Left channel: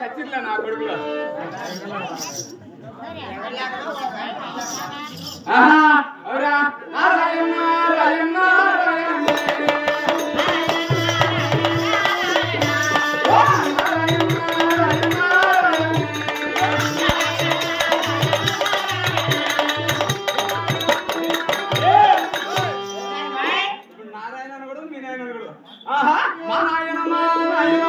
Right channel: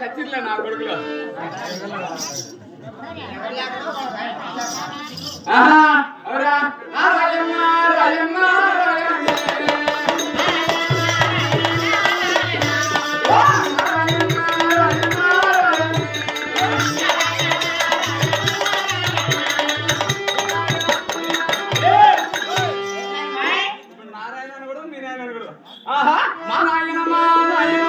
ఖచ్చితంగా నా కొడుకులో అవురా రాజన్న రాజన్న నారాయణ కూడా మీ నాయన కూడా ఆహా మా నాయన మా నాయన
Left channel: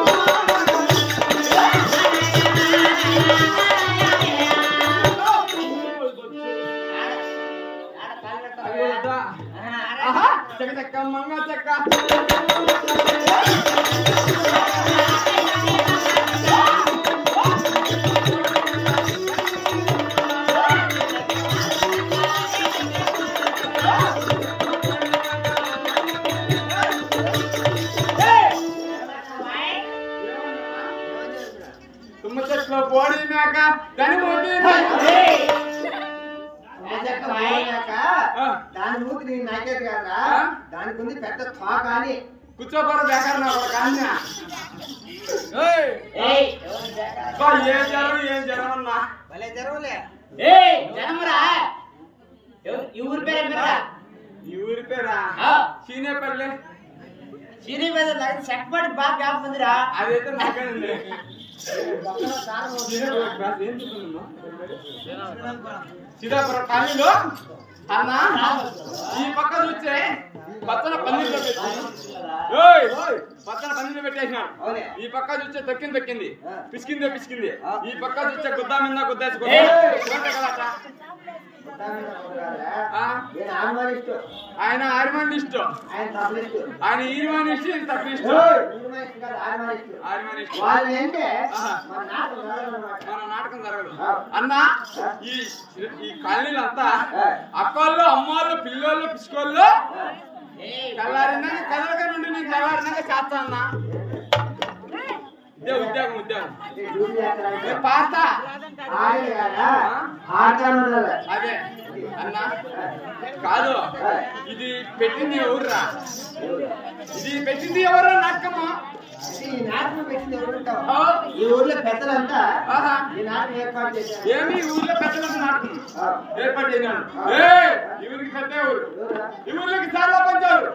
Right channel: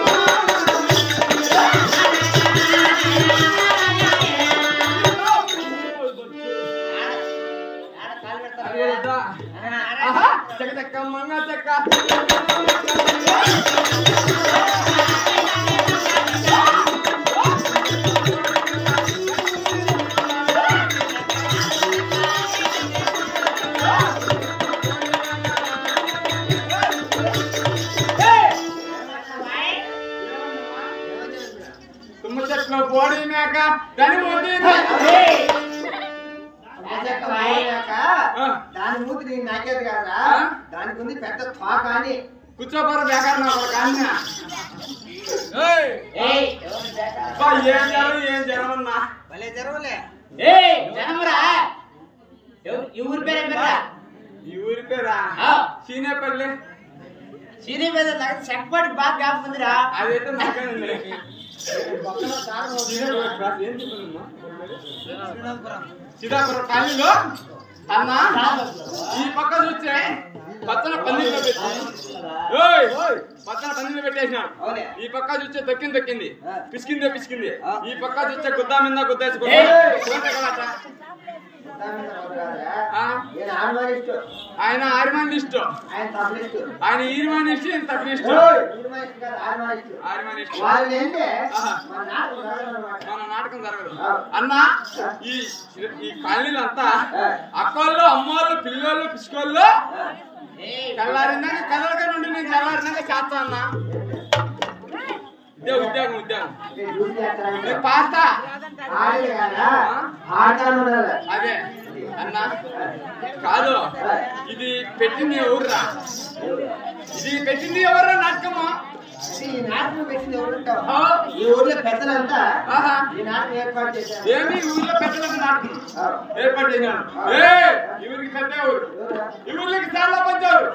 చెక్క చెక్క మంగ చెక్క తుమ్మ చెట్ల బోడి మేక దాని దాని మూతి నేను నాకేది కదా దానికి ఉంది పెద్ద తోక అని కూర్చోపోరు బేకారు నా ఒక ఏం జరం అన్నా భలే జరవలే ఈ ఊరి పేరా సీనేపల్లి సీనీ మీద చెక్కపాటి బాగా కాకపోతుందిరా అదైతే నాకేనండి శ్రీకాకుళం కాలనీలో అన్నా ఈ పక్క చూస్తే పచ్చన పన్నీళ్ళు పెట్టి పచ్చన పన్నీళ్ళు పెట్టేసినాడు ఈ పక్క చూస్తే దొక్కింది పిసికింది ఈ పక్క చూస్తే గుద్దా మీద గుద్దేసుకో ఆయన ఆర్మానిస్ట్ ఆయన ఈర్మానిస్ట్ ఈయన తప్పిస్ట్ మన నాటకం జరగదు అన్నా ఈ కాలనీలు అంతా అక్కోళ్ళు అమ్మోళ్ళు పిల్లోళ్ళు పిసుకోళ్ళు కల్లారినాక కదలగా నుండి నేను చల్లారినాక చేస్తా అన్నా ఉద్యోగం పాస్తా అదే అన్నా కాదు ఇది పెట్టింది ఎవర్రా నాటకము ఈ నాటకం పెట్టింది ఎవరుంటావు ఈ ఊర్లో పెద్దలంతా ఈ నాటకం ఏర్పాటు చేశారు ఏమి ఊర్లో పెద్దలంతా నాటకం ఏర్పాటు చేశాను ఈ ఊరికి పెద్ద ఎవరు ఈ ఊరికి చాలా పంచారు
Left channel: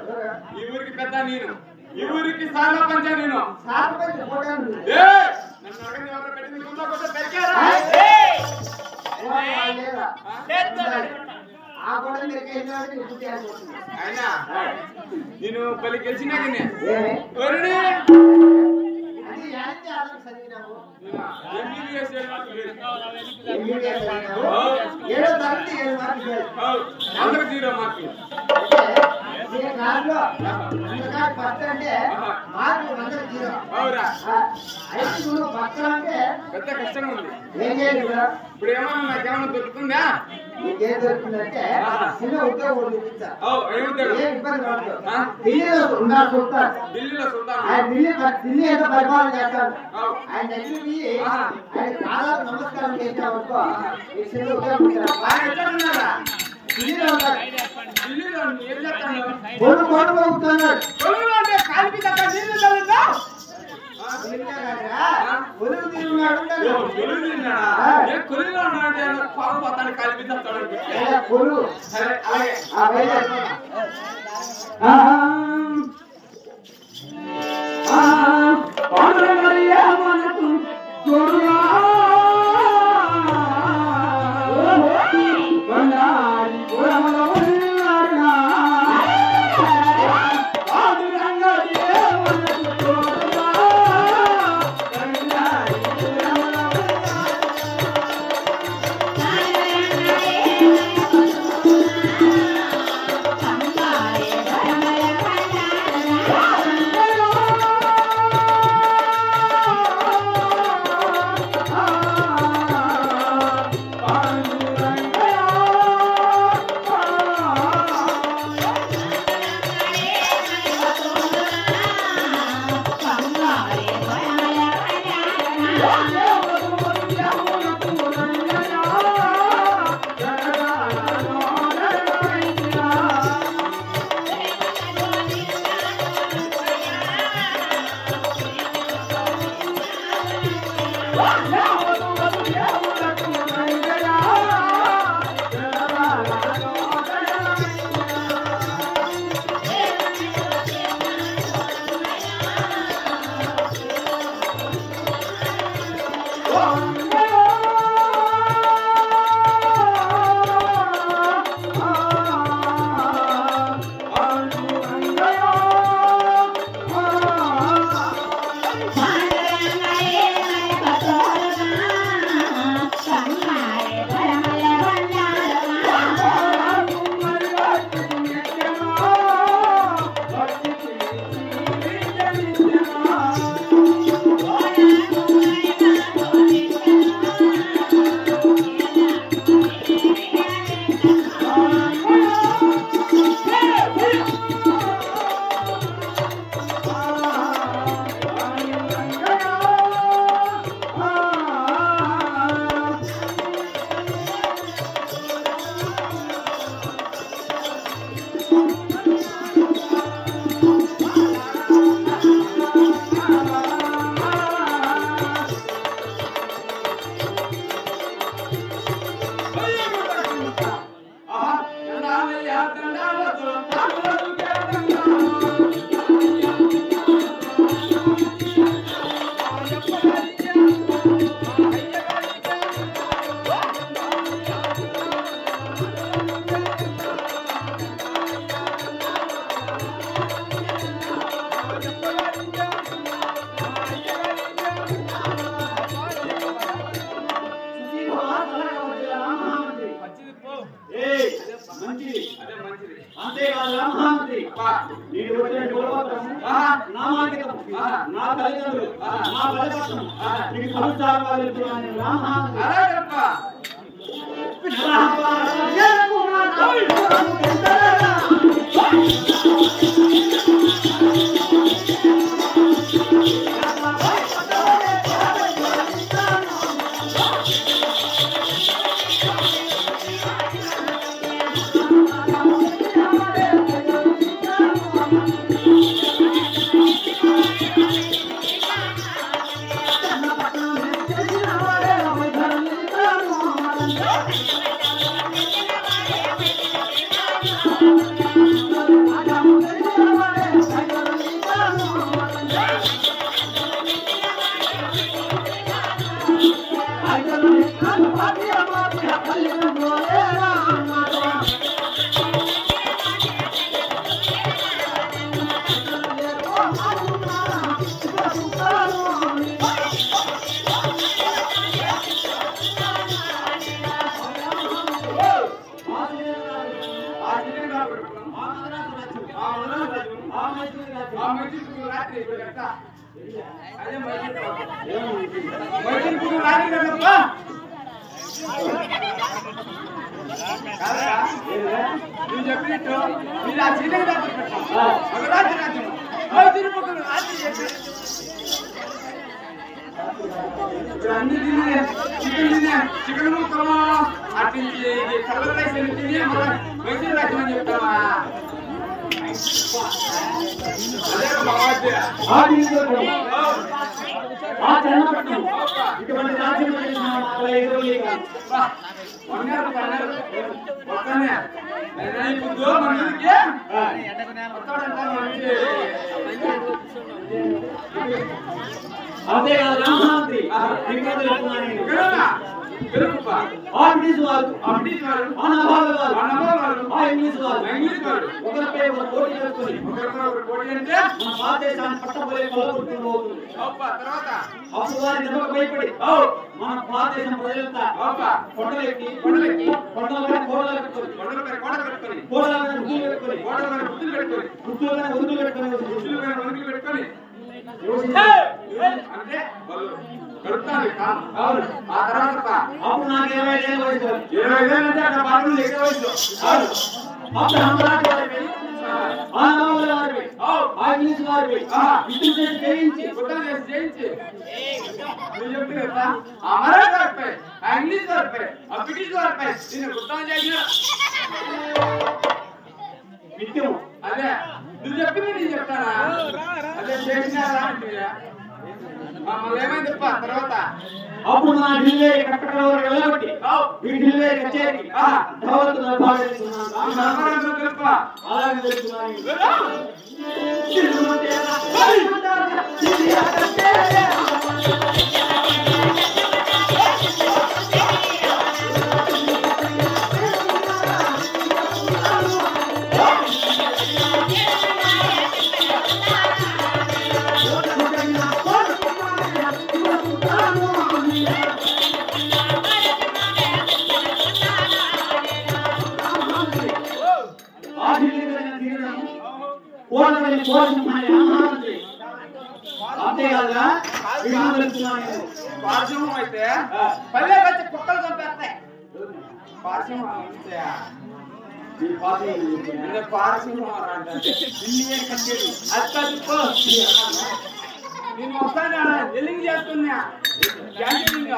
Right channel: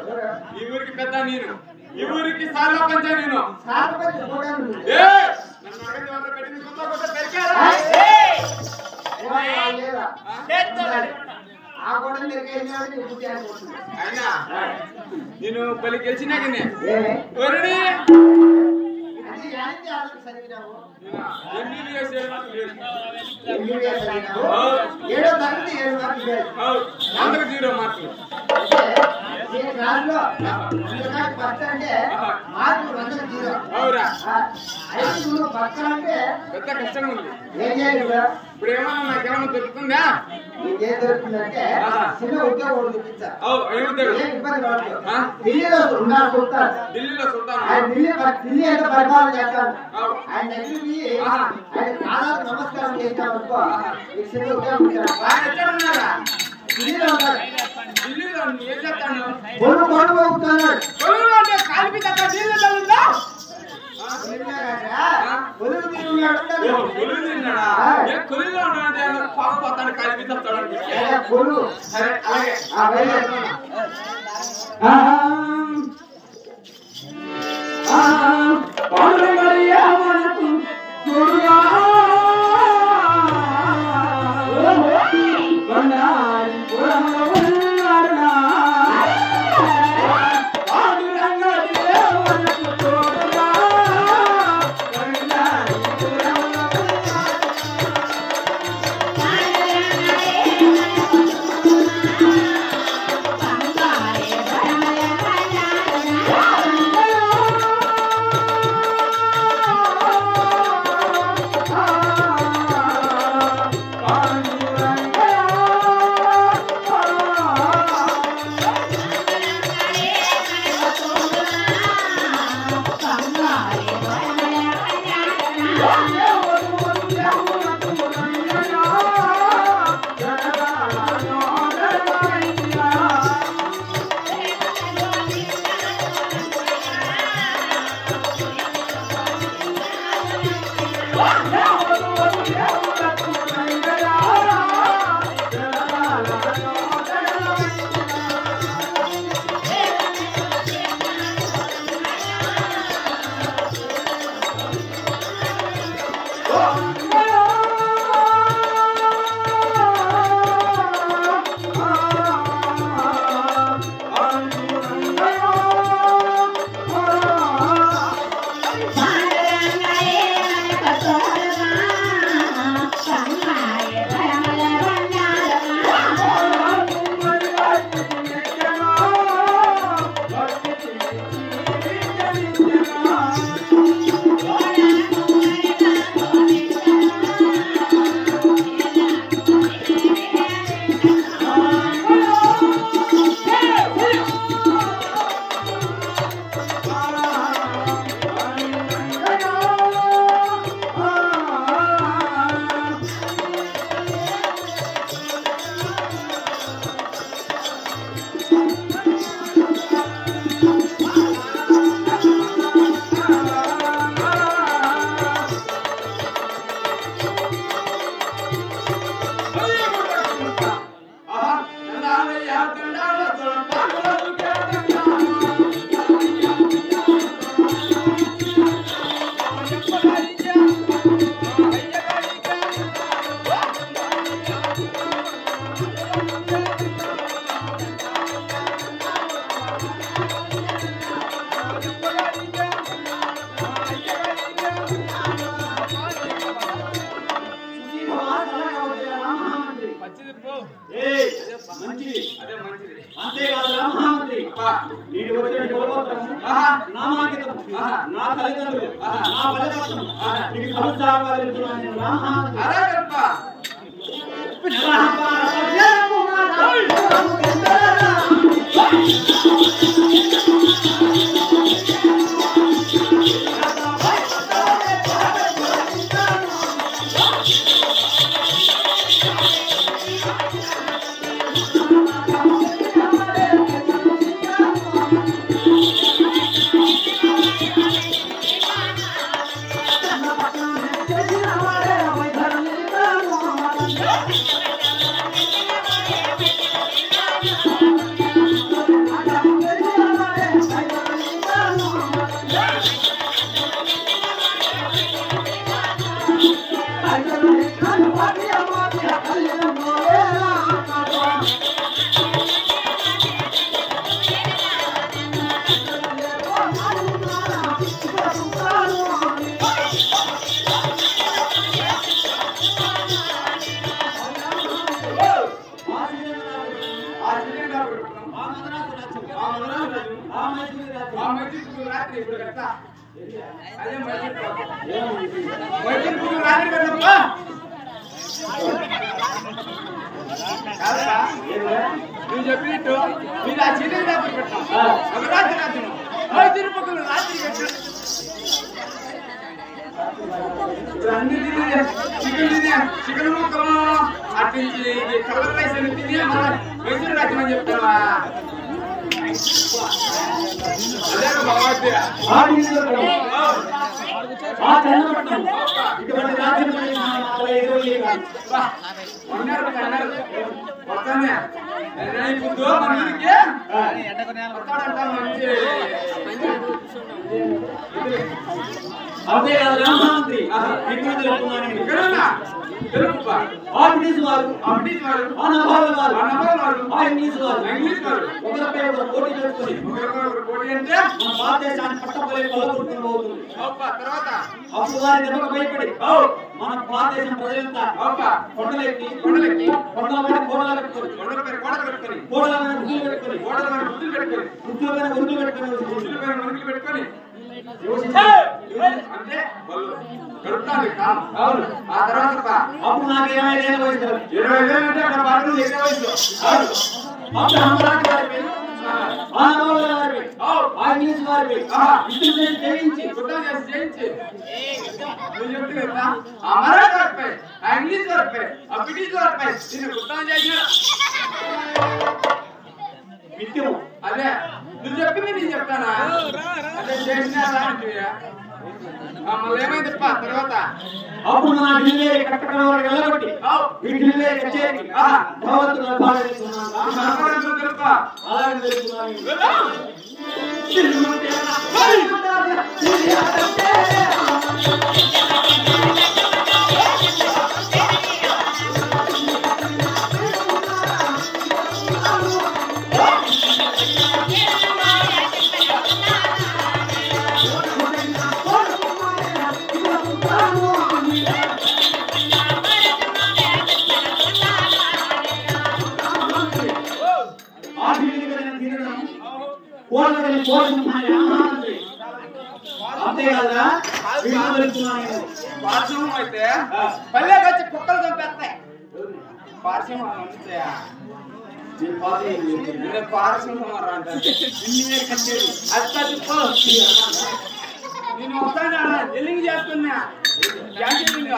ఈ ఊరికి పెద్ద నేను ఈ ఊరికి సార్ల పంచా నేను నన్ను అడగని ఎవరు పెట్టింది కొత్త పెరిగారా అయినా నేను పల్లి గెలిచినాకనే ఏడో తరగతి 7 మార్కులు 0 మార్కులు ఫస్ట్ అంటే మార్కులు 100 అవురా ఫస్ట్ అంటే పెద్ద కష్టంగా ఉంది ఏం చేయాలి ఇప్పుడు ఏమన్నా నాకేమన్నా దొరుకుతుందా ఏం దొరుకుతుందంటే చిన్న ఉద్యోగం చూపించారు ఇబ్బంది పడదు ఢిల్లీలో ఢిల్లీ ఎంత పరిపాలన చేస్తాను ఆయన దగ్గర ఆయన కాదాలు నమస్కారం చేసిన వరకు చిన్న ఉద్యోగం ఢిల్లీలో ఉంటాడు ఢిల్లీలో ఏం చెప్తాను పోతున్నాడు కాలిపి తగ్గ నీళ్ళు చల్లుందా అంతేకాదు మహామంత్రి నేను వచ్చిన కులపత్రము నామాంకితం నా తల్లిదండ్రులు నా బలపత్రం నీకు సమస్యాలు నువ్వు చెప్పినట్టు మీరు ఆ చీకటి రాత్రి పెట్టాం ఒక రాత్రి రాజ్యం మైసూరు పక్కన రాత్రి అన్ని తినే చికెన్ ముక్కలు అటు కలర్ రైస్ అని తిని మైసూరు రాజ్యం అని చెప్తావా అదే ఇటువంటి రాజ్యం అంతేకాదు రామమంత్రి ఇంగ్లీష్ వారు ఇంగ్లీష్ వారు ఒకరిపై ఒకరు పోటీ చేసుకుని మన భారతదేశాన్ని పట్టబోయే కొలగొట్టుకుపోతుంది. అప్పుడు వారి దెబ్బకు భయపడి మన భారతదేశం ప్రజలంతా కొండలెక్కి కొండల మీద కోటలు పెట్టుకొని కోటల మీద గుడ్లు పెట్టుకొని గుడ్ల మీద గుడ్లు పెట్టుకొని అంటే అప్పుడు నాకు 20 ఏళ్ళ వయసు 20 ఏళ్ళు అంటే అక్కడ బాగా ఎక్కువ వయసు అప్పుడు అమరాజు గారిపై ఆనబాబుల గారిపై ఇంగ్లీష్ వారిపై యుద్ధం చేసి జయించి అమరాజు గారిపై ఇంగ్లీష్ వారిపై బ్రిటిష్ వారిపై గుర్తం చేసిన విద్యము అదే నువ్వు చెప్పింది నేను చెప్తానా అదే చేసినారా మళ్ళీ ఏమైంది తర్వాత అప్పుడు నా ఢిల్లీ కట్టకడవరు వెళ్ళగొట్టి ఢిల్లీ కచేరికి ధవత్తు అలాగే పార్శ్వం అయితే పల్లెకి వచ్చి కుక్కలు చంపేస్తాయి. పార్శ్వం నేను వస్తాను ఎల్లింగ్ చేస్తున్నా క్యాన్సిలింగ్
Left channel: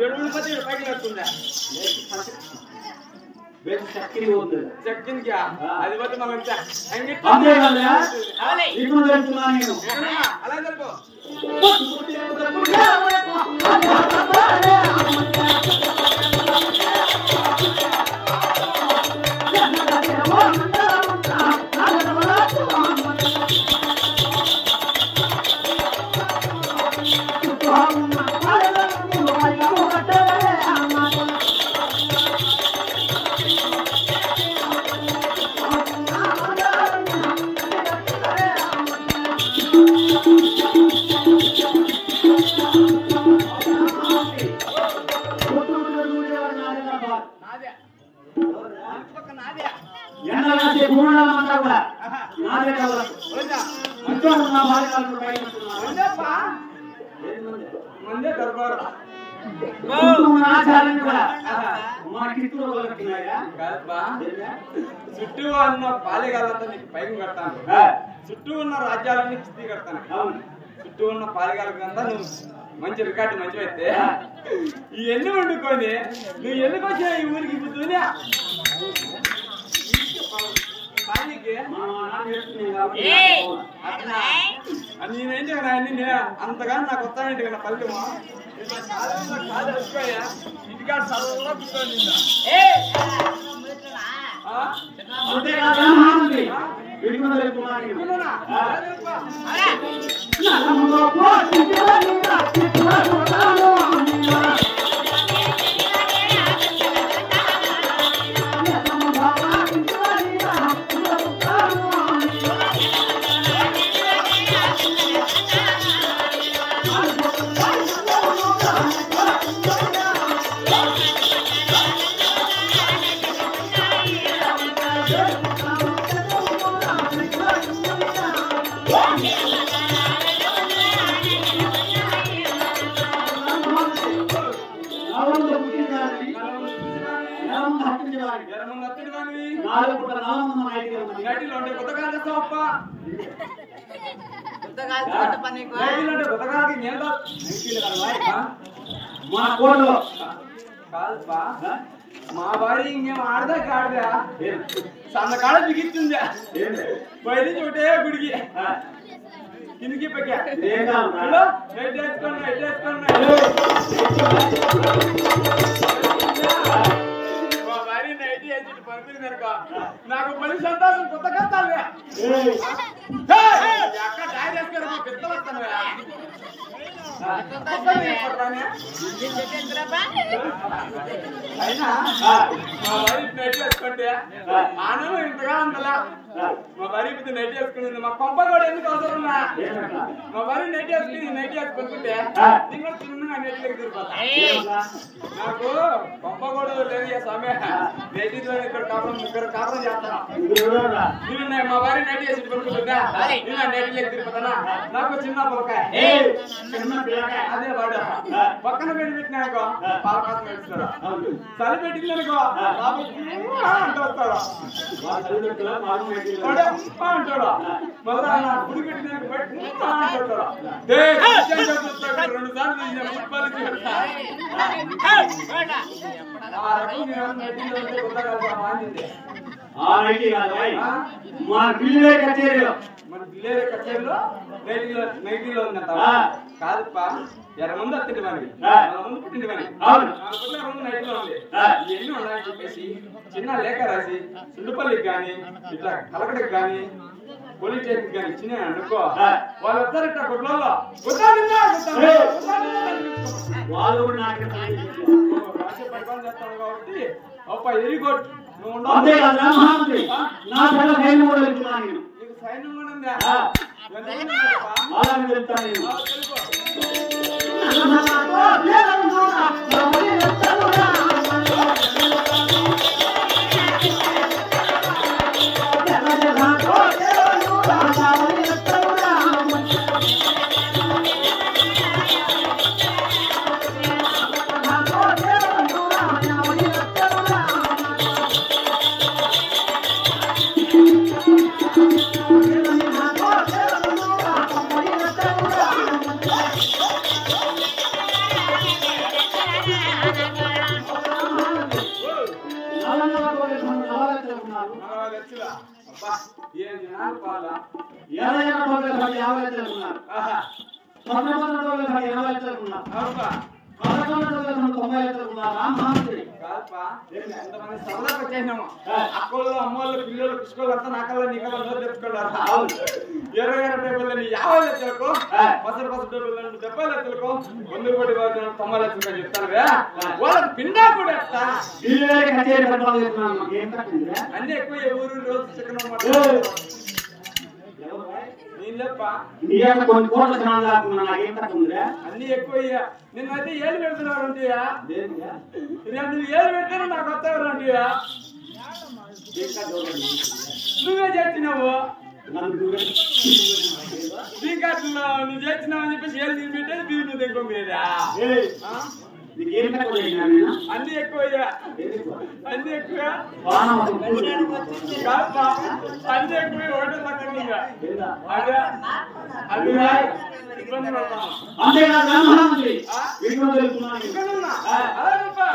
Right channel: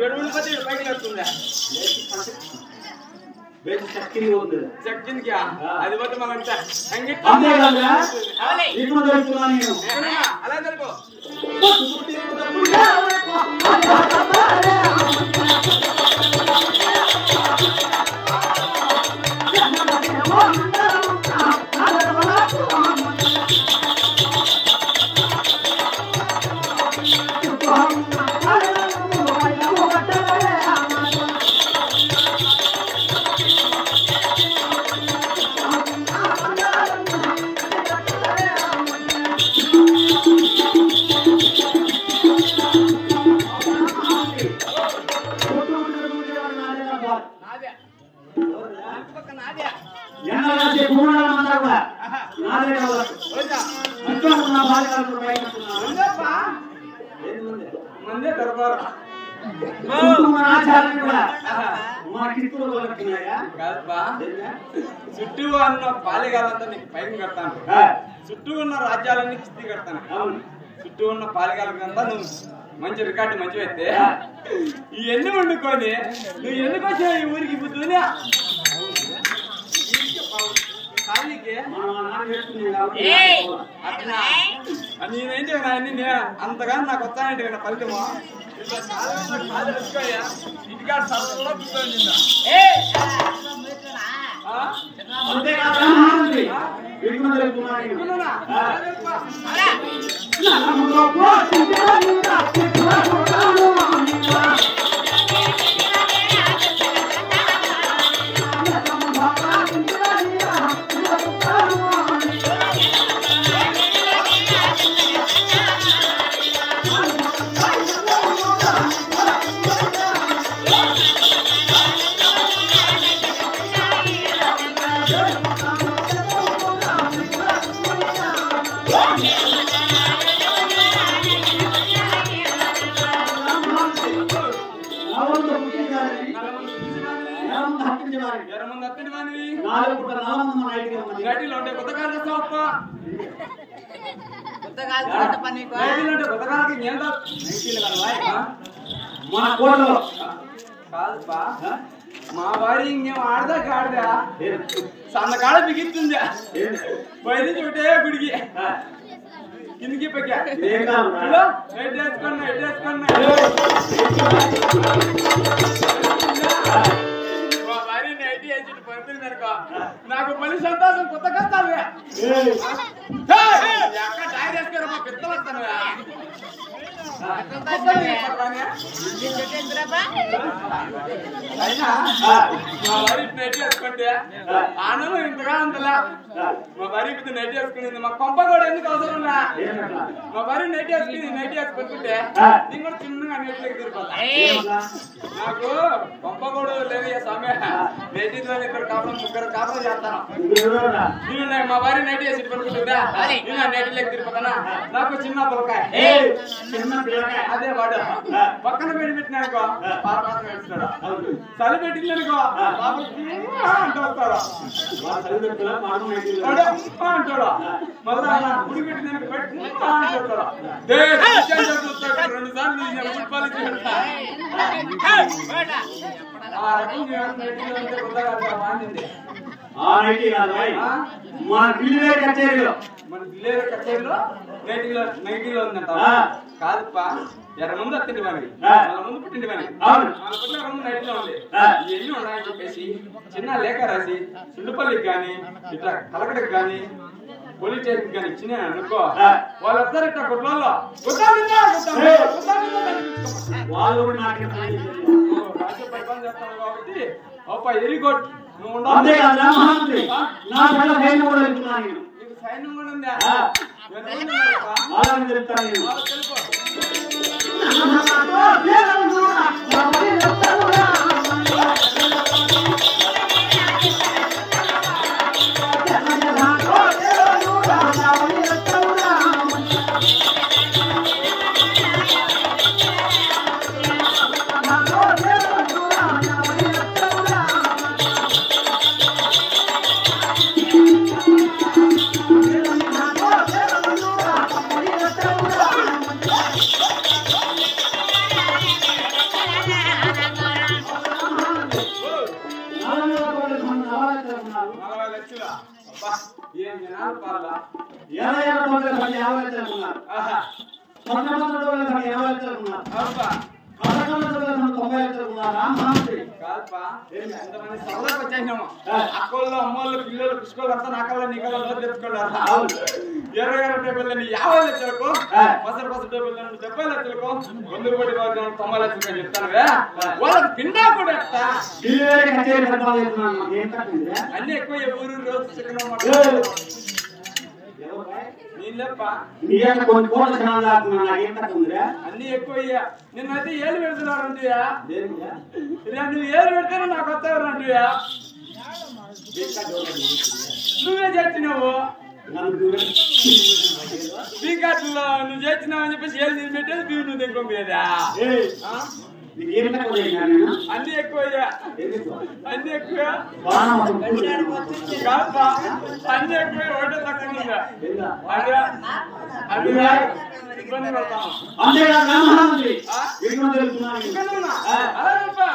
7 పైకి లేస్తుందా చెక్కింది అది పోతే మనం అలా తెలుపు పక్క నాదే ఎన్నో భూమండలమంతా కూడా నాదే కావాలి. మంచిగా ఉన్న బాలికలు పైన ముందే దర్బారు చుట్టూ ఉన్న పాలిగాలంతా నీకు పైకి కడతాను, చుట్టూ ఉన్న రాజ్యాలన్నీ కిస్తీ కడతాను. చుట్టూ ఉన్న పాలిగాలంతా నువ్వు మంచి రికార్డు మంచిగా అయితే ఇవన్నీ వండుకొని నువ్వు ఎందుకు వచ్చావు ఈ ఊరికి బుద్ధుని అట్లా నేనేంటి అన్ని అంతగా నాకు వస్తానంటే కదా ఫలితము ఇంటికాడ చల్లగా కూర్చొని నైటీలో ఉంటే కొత్త కాలు చేస్తావప్ప నైటీలో ఉంటే కొత్త కాలకి నేను నైటీలు మన కోటలో కాదుపా మా వారి ఇంకేం ఆడదా కాడదా సన్నకాడ బిగిస్తుందా బయట నుంచి ఒకటే గుడికి కిందికి పక్కా నైట్ వేసుకోండి నైట్ వేసుకోండి మా భార్య నైట్ వేసి పడుతుంది అనుకో నాకు పని సంతోషం కొత్త కష్టాలు ఎక్కడ టైర్ వేసుకోరు మా పిత్తలు వస్తాను అయినా మా భార్య నైట్ వేసుకుంటే ఆనందం ఇంతగా ఉందలా మా భార్య పెద్ద నైట్ వేసుకునింది మా కొంప కూడా ఎందుకు అవసరం మా భార్య నైట్ వేసుకుంటే నేను కూడా చిన్నగా నైట్లోకి తిరిగిపోతా నాకు కొంప కూడా లేదు స్వామి నైటీలో ఇద్దరు కాపురం ముగ్గురు కాపురం చేస్తాను నేను మా భార్య నైట్ వేసి పడుకుంటుందా నేను నైటీలోకి తిరిగిపోతానా నాకు చిన్న పొలకాయ అదే వాడు పక్కన పెట్టి పెట్టినానుకో పాల కోసం పెడుతున్నాడు చలి పెట్టిందనుకో అంటూ వస్తాడు అంటాడు మళ్ళా గుడి పెట్టిందనుకో అంటాడు 2 సార్లు మన ఢిల్లీ కచేరీలో నైటీలో ఉందంట కాదుపా ఎర్ర ముందు అత్తింటి పని మన ముందు పుట్టింటి పని ముందు నైటీలో ఉంది ఇవన్నీ ఉన్నాయని చెప్పేసి చిన్న లేఖ రాసి సుండుపల్లికి కానీ ఇట్లా కలకడకి కానీ పోలీస్ స్టేషన్ కానీ ఇచ్చిన అనుకో వాళ్ళు వస్తారు ఇట్లా గుడ్లలో రాజ్య పరిపాలన చేస్తాను కాబట్టి అప్ప వెరీ గుడ్ నువ్వు ఉండాలి నీకు సైన్యం కూడా ఉందా అక్కల్లో అమ్మోళ్ళు పిల్లలు పిచ్చుకోళ్ళు అంతా నాకల్లా నీకల్లా నోరు తెచ్చుకోవాలి 20 డబ్బులని 50 లక్షలకు పసరు డబ్బులను 70 లక్షలకు 100 కోటి 90 లక్షలకు అని చెప్తానువే వాళ్ళకి పిండా కూడా అన్ని ఎక్కువ ఊరు రోజు చికెన్ అన్ని ఎక్కువ నిన్నైతే 7 పెడుతున్నారు అంటే 2 7 పెడితేనే నాకు వస్తావు అంటే నువ్వే చేసినావు స్పీకర్లో నువ్వు చేసినావు అని చెప్పేసి ఏళ్ళు తీసి పెట్టేది బియ్యం నువ్వు దగ్గర మీద అన్ని ఎక్కువ అన్ని ఎక్కువ కాపా అన్ని ఎక్కువ ఒకటే తక్కువ ఉందా అదే అది ఇబ్బంది పడతాను అలా చెప్పా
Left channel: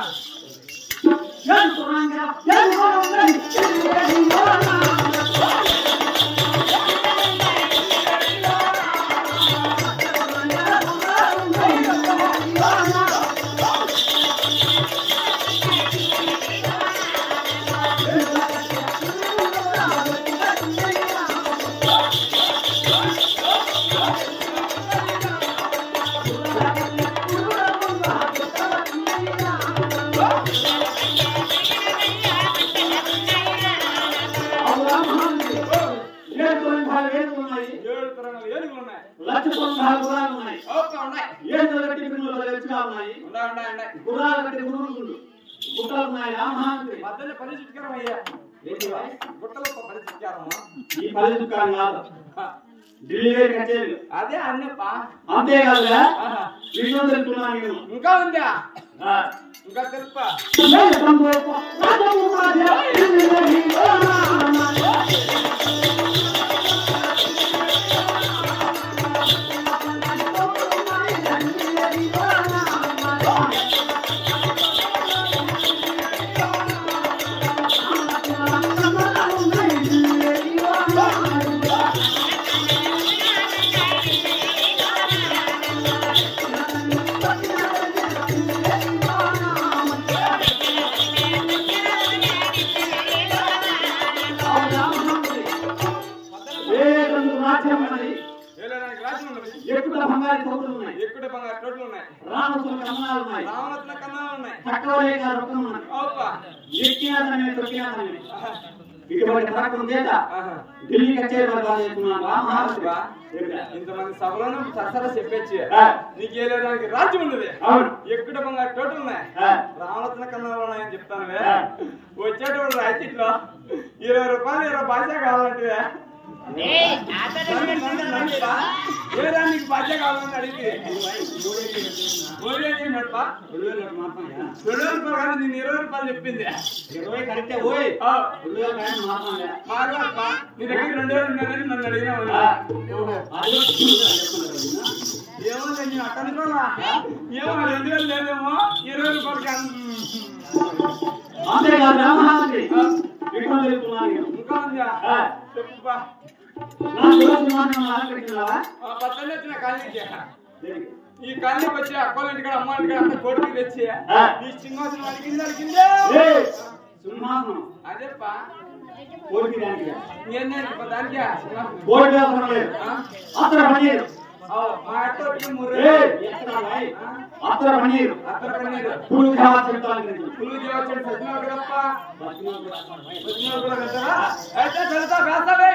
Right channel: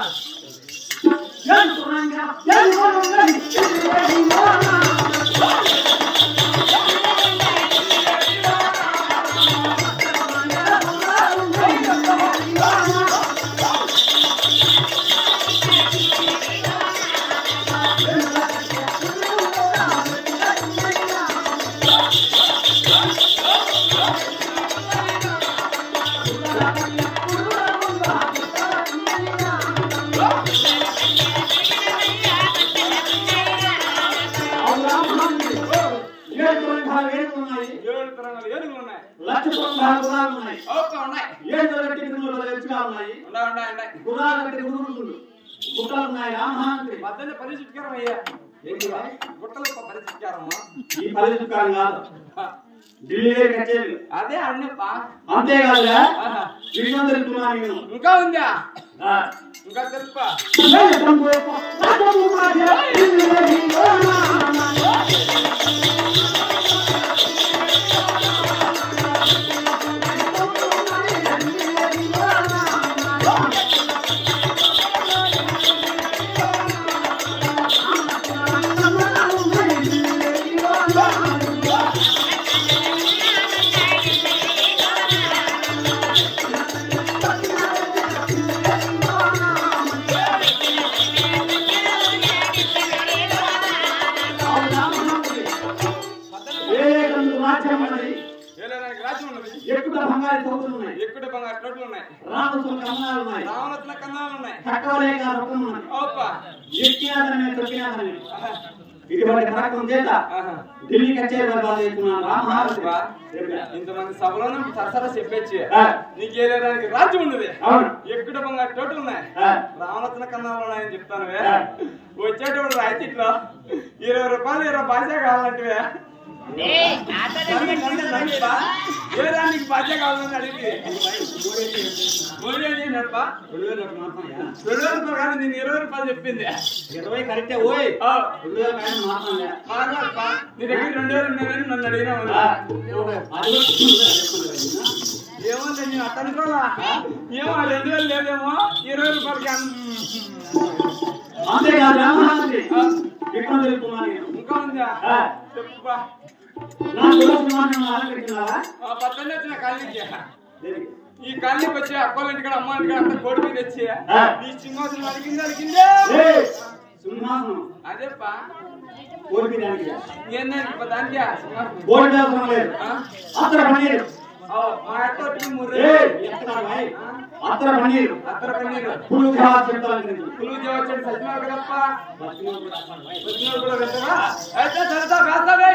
అదే అన్నప్పా అంతేకాదా ఇంకా ఉందా ఇంకా తెలుపా ఎక్కువ బంగారు తోటలు ఉన్నాయి రావణత్న కన్నాలు ఉన్నాయి ఇంతమంది సభలోనే సరసరా చెప్పచ్చు నీకు ఏలేదానికి రాజ్యం ఉండదు ఎక్కువ బంగారు తోటలు ఉన్నాయి రావణత్న కన్నాలు ఉన్నాయని చెప్తానువే వచ్చేటప్పుడు రైతిట్లో 20 రూపాయలు 20 భాష కావాలంటే నీకు బాధ్య కావాలని అడిగి నేను 20 రూపాయలు చెప్పింది 20 కరెక్టే ఓయ్ నీ దగ్గర 2000 ఉన్నాయని నన్ను అడిగినావు ఏమో నేను అట్ట అనుకోలా ఏమో 2000 లేదేమో 20 రూపాయలకి ఇంకా ఉందా చెప్పుపా పక్కనే వచ్చిన కాలనీకి ఈ కాలనీకి వచ్చి అక్కోళ్ళ ఇంటికాడ అమ్మ ఇంటికాడ అంతా కోడి మీద తెచ్చి ఈ సింహాసనం అడిగిందే అదేపా దానికి మా అక్క వచ్చి ముర్రే అత్తర పన్నీరు పులుగు దేవచ్చండి సత్యనారాయణ కదప్ప వచ్చిన కూడా వెళ్తావా అయితే చదువుతా వేస్తావే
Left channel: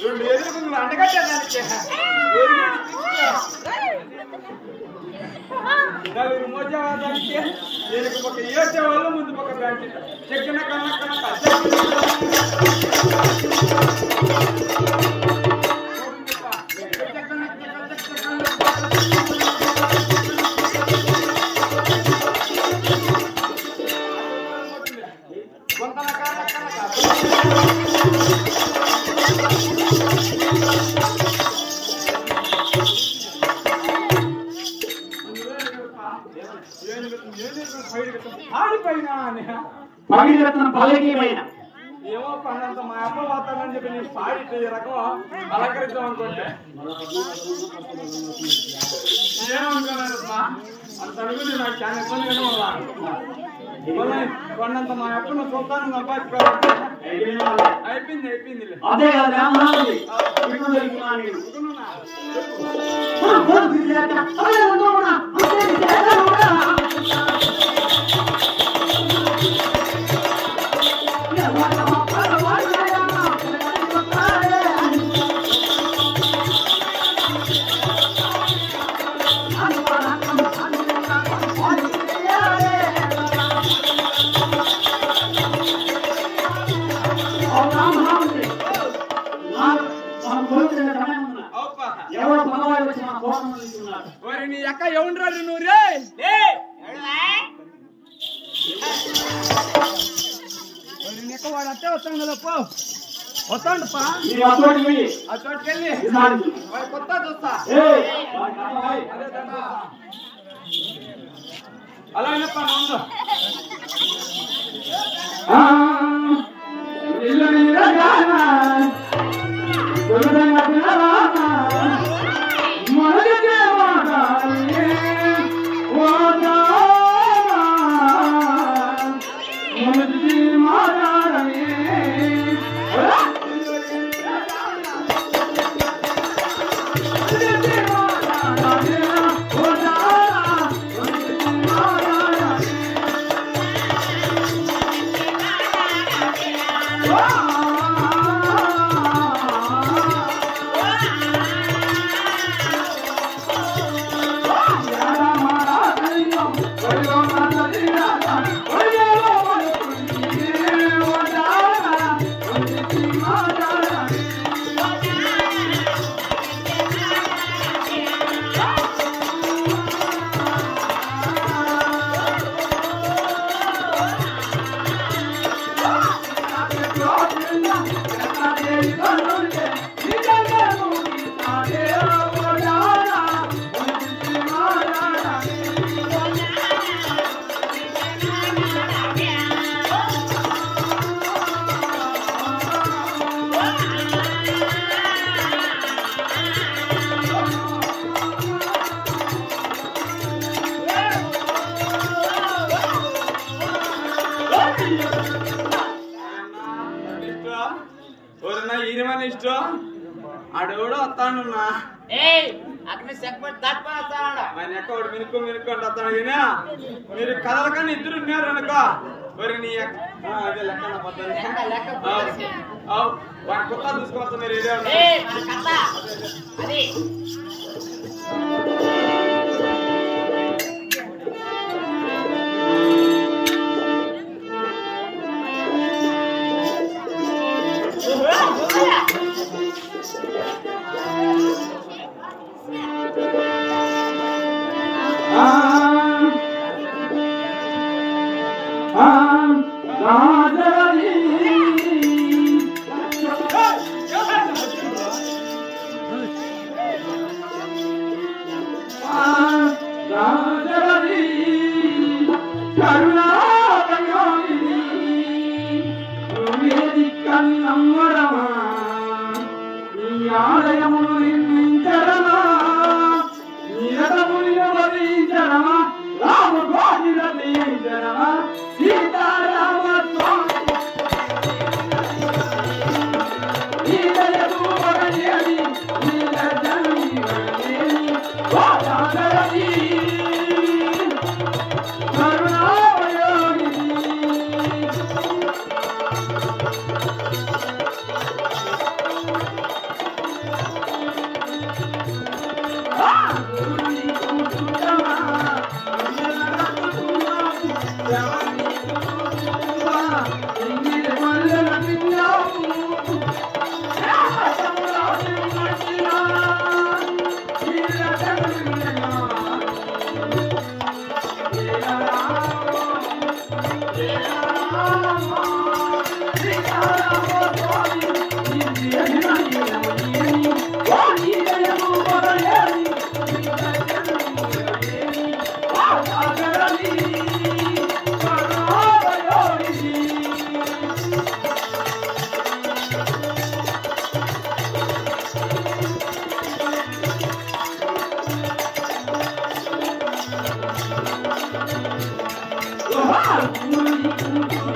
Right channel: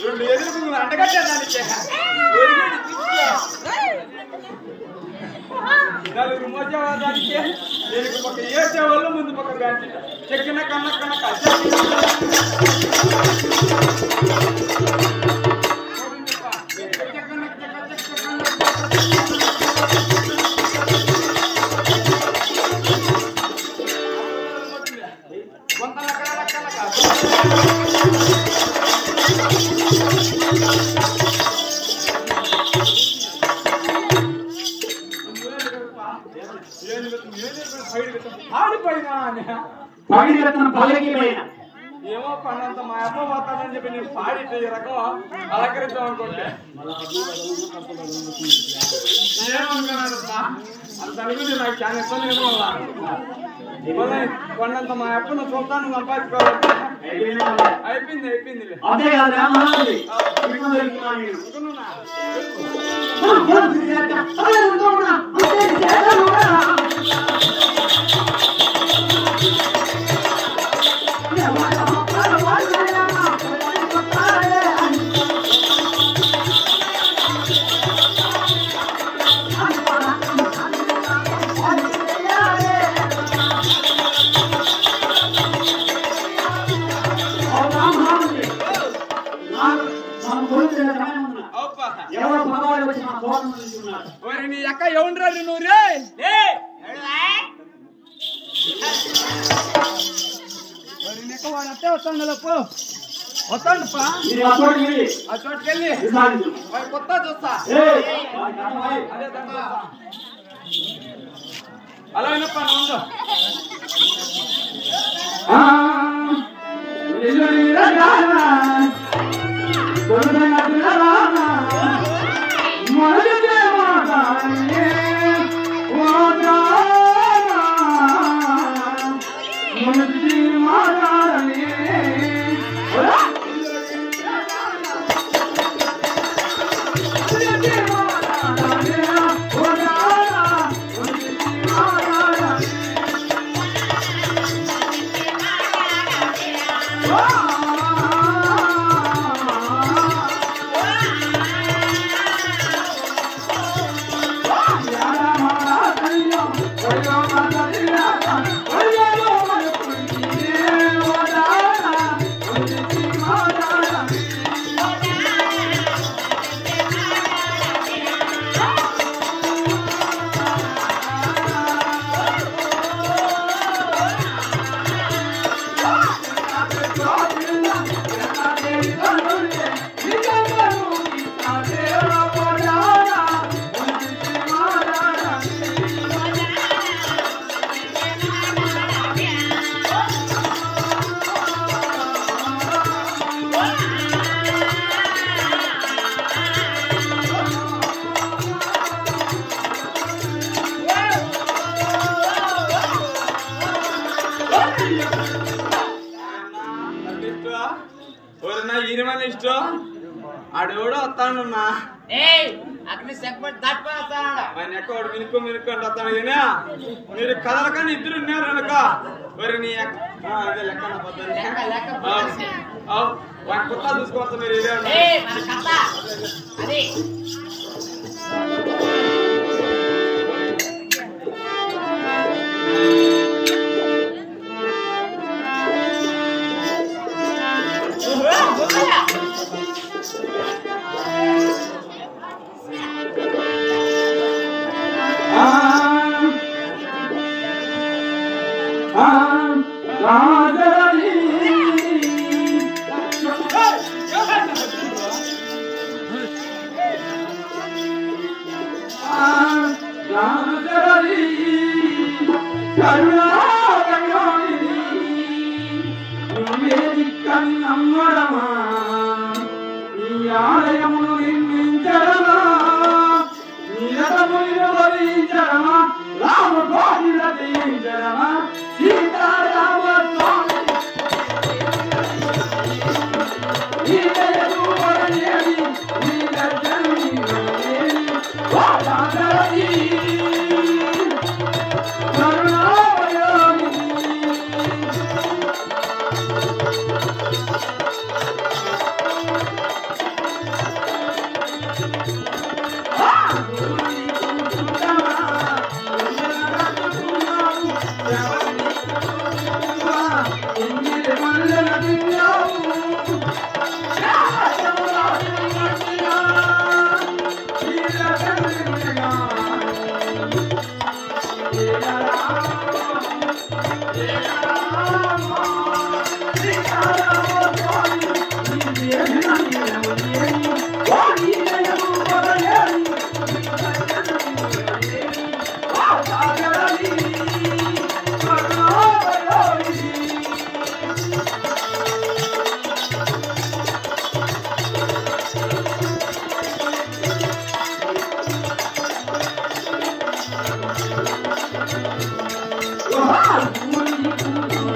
రెండు ఎదురు పువ్వులు అంటగట్టేదానికి నలుగురు మోచేవాదానికి దీనికి ఒక ఏసేవాళ్ళు ముందు పక్క బ్యాంక్ చెక్కిన కన్న కనక కొంత కనక ఏమో పన్నంత మా అప్ప పోతానని చెప్పి నేను పాడి ఈ రకం అలంకరిద్దాం అనుకుంటే అంత అనుకుంటే నాకు చాలా ఇబ్బంది కదా మళ్ళీ కొన్నంత మా అప్పను చూస్తాను సంపాదించుకోవాలంటే అయిపోయింది నీ అక్క ఎవరు నువ్వు రే వాడు అట్టే వస్తాను కదా వస్తాడు ఆ చోటుకెళ్ళి వాడు కొత్త చూస్తా అదే దాంట్లో అలా వినప్ప ఉందో ఈయన ఇష్టం ఆడెవడో వస్తాడన్నా ఆయన ఎక్కడ మినుకు అంటే వస్తాడు కానీ మీరు కదలకని ఇద్దరు ఉన్నారు అనుకో మరి నీ అదే లెక్క నా పద్ధతి వాడి కొత్త చూసుకోవచ్చు మీరు ఇదే ఊరి